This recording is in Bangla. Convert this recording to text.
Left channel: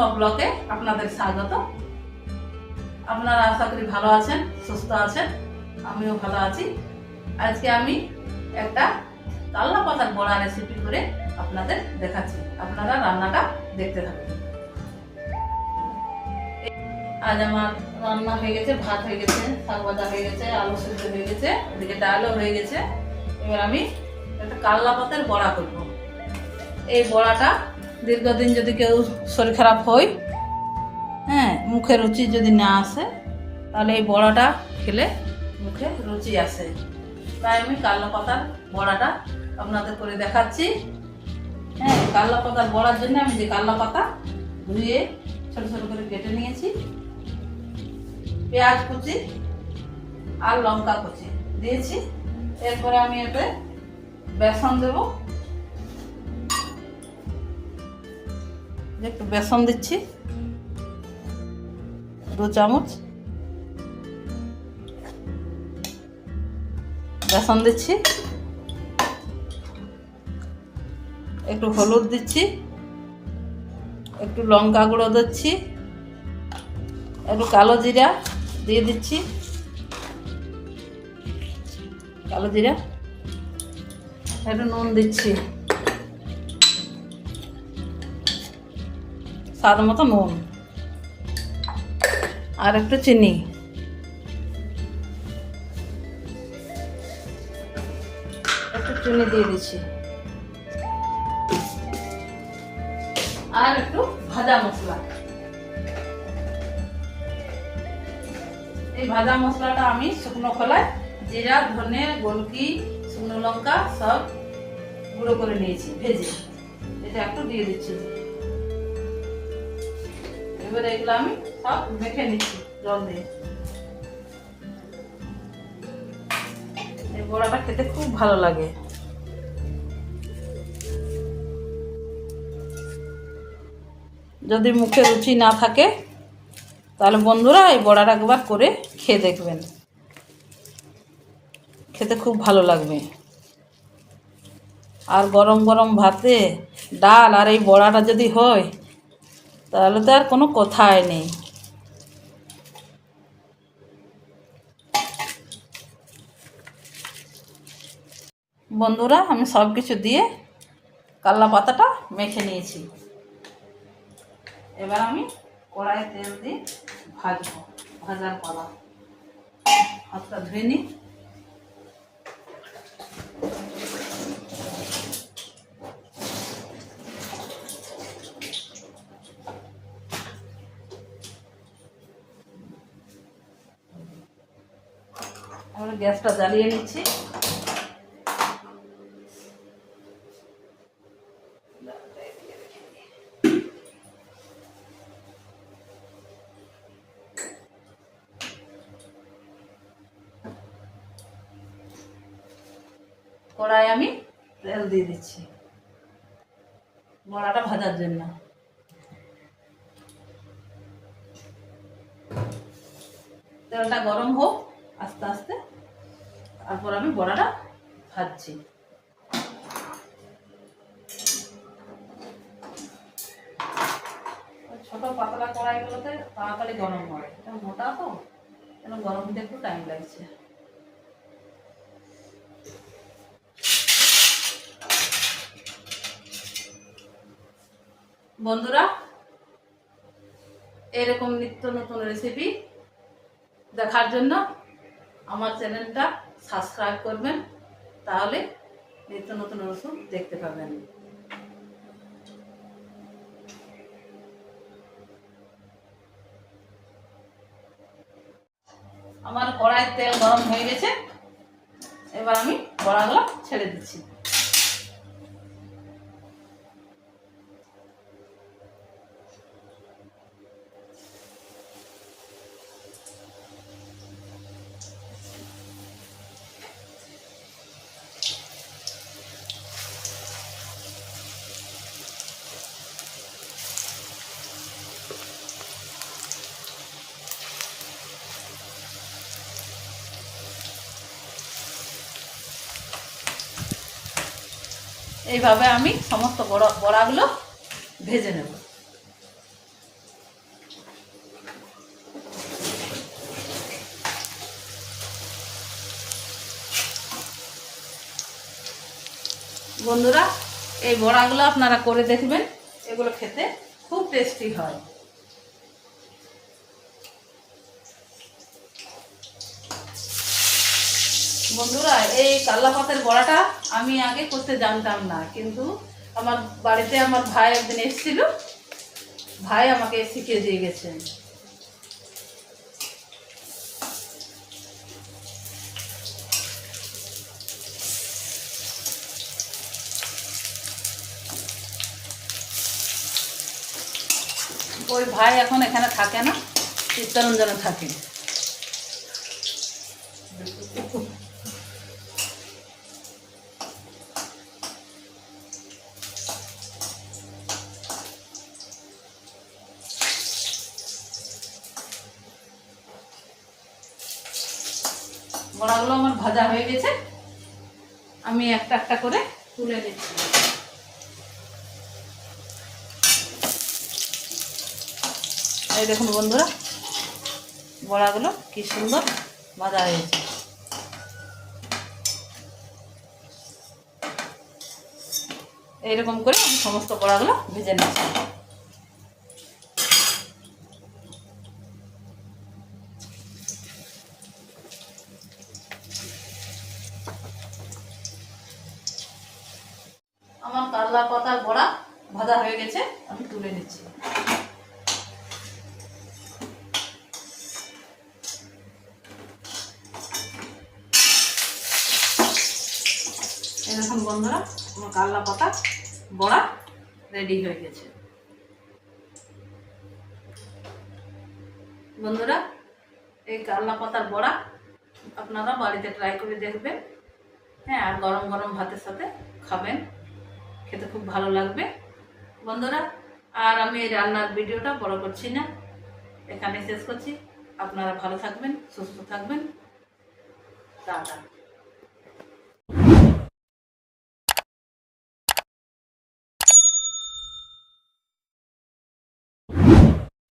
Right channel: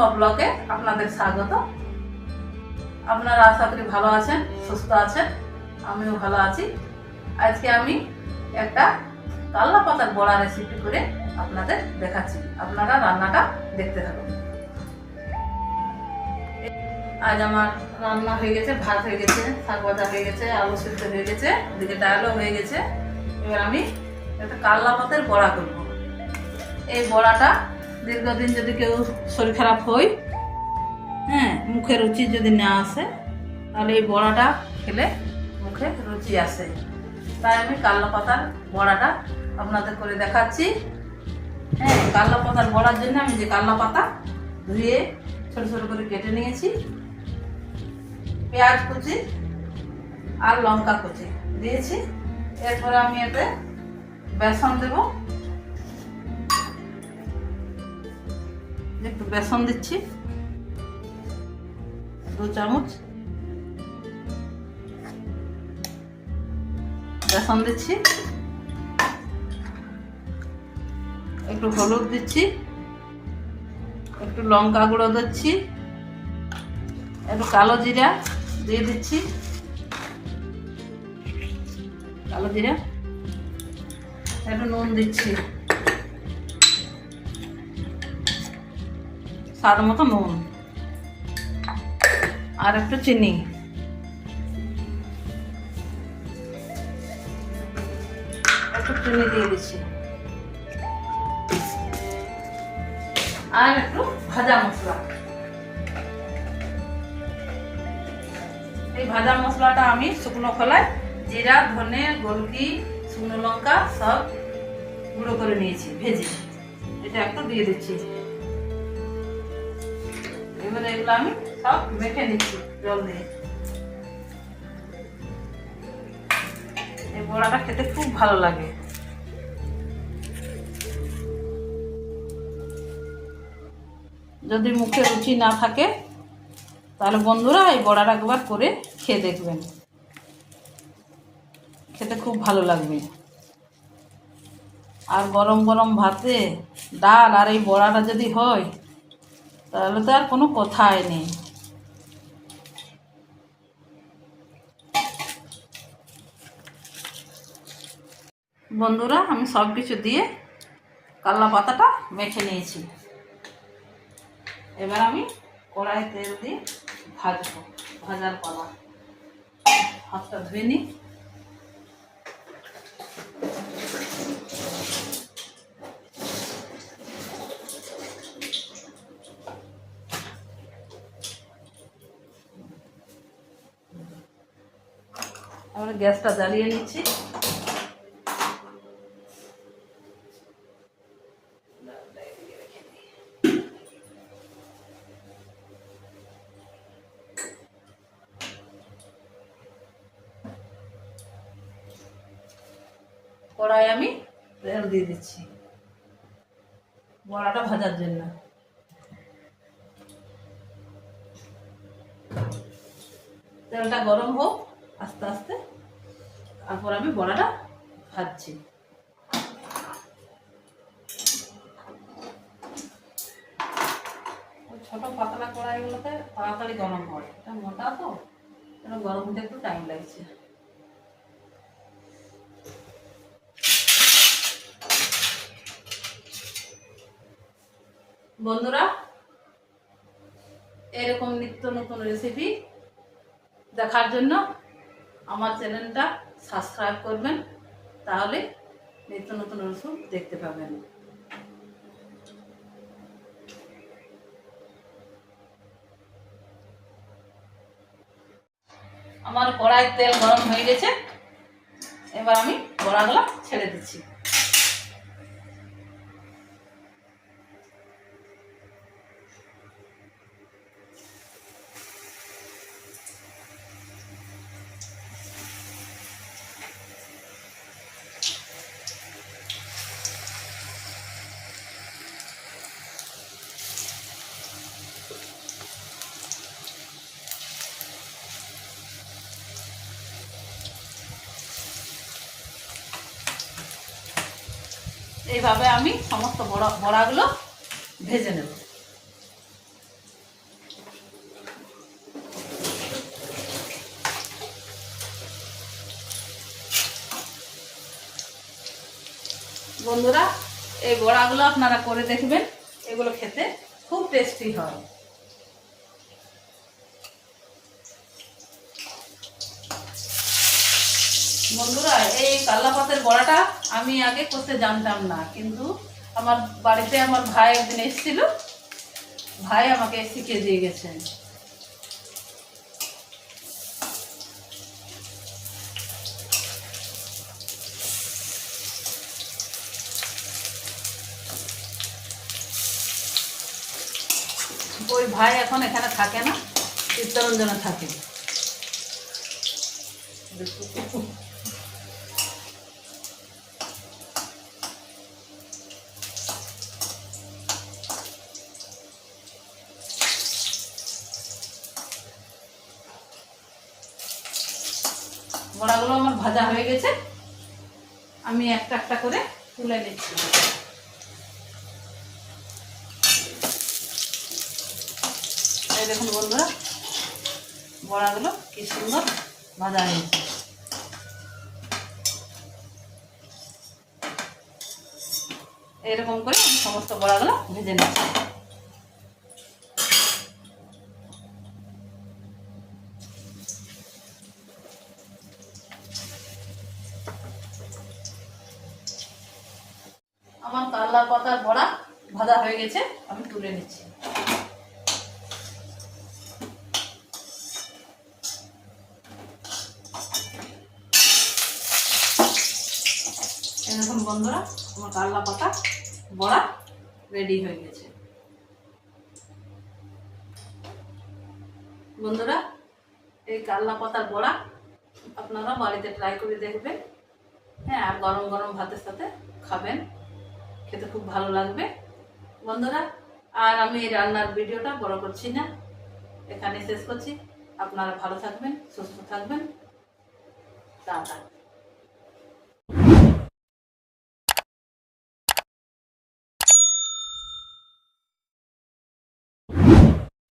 চম্পা ব্লকে আপনাদের স্বাগত। আপনারা আশা করি ভালো আছেন, সুস্থ আছেন, আমিও ভালো আছি। আজকে আমি একটা কাল্লা পাতার বড়া রেসিপি করে আপনাদের দেখাচ্ছি। আপনারা রান্নাটা দেখতে থাকুন। আজ আমার রান্না হয়ে গেছে, ভাত হয়ে গেছে, শাক ভাজা হয়ে গেছে, আলু সিদ্ধ হয়ে গেছে, ওদিকে ডালও হয়ে গেছে। এবার আমি একটা কাল্লা পাতার বড়া করব। এই বড়াটা দীর্ঘদিন যদি কেউ শরীর খারাপ হয়, মুখে রুচি যদি না আসে, তাহলে এই বড়াটা খেলে মুখে রুচি আসে। তাই আমি কাল্লা পাতার বড়াটা আপনাদের করে দেখাচ্ছি। কাল্লা পাতার বড়ার জন্য আমি যে কাল্লা পাতা ধুয়ে ছোটো ছোটো করে কেটে নিয়েছি, পেঁয়াজ কুচি আর লঙ্কা কুচি দিয়েছি। এরপরে আমি এতে বেসন দেব, একটু বেসন দিচ্ছি 2 চামচ বেসন দিচ্ছি, একটু হলুদ দিচ্ছি, একটু লঙ্কা গুঁড়ো দিচ্ছি, একটু কালো জিরা দিয়ে দিচ্ছি, কালো জিরা, একটু নুন দিচ্ছি, স্বাদ মতো নুন, আর একটু চিনি, একটু চিনি দিয়ে দিচ্ছি, আর একটু ভাজা মশলা। এই ভাজা মশলাটা আমি শুকনো খোলায় জিরা, ধনে, গোলকি, শুকনো লঙ্কা সব গুঁড়ো করে নিয়েছি ভেজে। এটা একটু দিয়ে দিচ্ছি। এবারে এগুলো আমি সব মেখে নিচ্ছি জল দিয়ে। এই বড়াটা খেতে খুব ভালো লাগে। যদি মুখে রুচি না থাকে, তাহলে বন্ধুরা এই বড়াটা একবার করে খেয়ে দেখবেন, খেতে খুব ভালো লাগবে। আর গরম গরম ভাতে ডাল আর এই বড়াটা যদি হয়, তাহলে তো আর কোনো কথাই নেই। বন্ধুরা, আমি সব কিছু দিয়ে কাল্লা পাতাটা মেখে নিয়েছি। এবার আমি কড়াই তেল দিয়ে ভাজবো। ভাজার কড়া হাতটা ধুয়ে নিই। আমরা গ্যাসটা জ্বালিয়ে নিচ্ছি। কড়াই আমি তেল দিয়ে দিচ্ছি বড়াটা ভাজার জন্য। তেলটা গরম হোক আস্তে আস্তে, তারপর আমি বড়াটা ভাজছি। ছোট পাতলা কড়াইগুলোতে তাড়াতাড়ি গরম হয়, এটা মোটা তো যেন গরম হতে একটু টাইম লাগছে। বন্ধুরা, এরকম নিত্য নতুন রেসিপি দেখার জন্য আমার চ্যানেলটা সাবস্ক্রাইব করবেন, তাহলে নিত্য নতুন রেসিপি দেখতে পাবেন। আমার কড়াইয়ের তেল গরম হয়ে গেছে। এবার আমি বড়াগুলো ছেড়ে দিচ্ছি। এইভাবে আমি সমস্ত বড়াগুলো ভেজে নেব। বন্ধুরা, এই বড়াগুলো আপনারা করে দেখবেন, এগুলো খেতে খুব টেস্টি হয়। বন্ধুরা, এই কাল্লা পাতের বড়াটা আমি আগে করতে জানতাম না, কিন্তু আমার বাড়িতে আমার ভাই একদিন এসেছিল, ভাই আমাকে শিখিয়ে দিয়ে গেছেন। ওই ভাই এখন এখানে থাকে না, চিত্তরঞ্জনে থাকে। বড়াগুলো আমার ভাজা হয়ে গেছে, আমি একটা একটা করে তুলে নিচ্ছি। এই দেখুন বন্ধুরা, বড়াগুলো কি সুন্দর ভাজা হয়েছে। এইরকম করে আমি সমস্ত বড়াগুলো ভেজে নিচ্ছি। আমার কাল্লা পাতার বড়া ভাজা হয়ে গেছে, আমি তুলে নিচ্ছি। এই দেখুন বন্ধুরা, আমার কাল্লা পাতা বড়া রেডি হয়ে গেছে। বন্ধুরা, এই কাল্লা পাতার বড়া আপনারা বাড়িতে ট্রাই করে দেখবেন। হ্যাঁ, আর গরম গরম ভাতের সাথে খাবেন, খেতে খুব ভালো লাগবে। বন্ধুরা, আর আমি এই রান্নার ভিডিওটা বড় করছি না, এখানে শেষ করছি। আপনারা ভালো থাকবেন, সুস্থ থাকবেন। টাটা।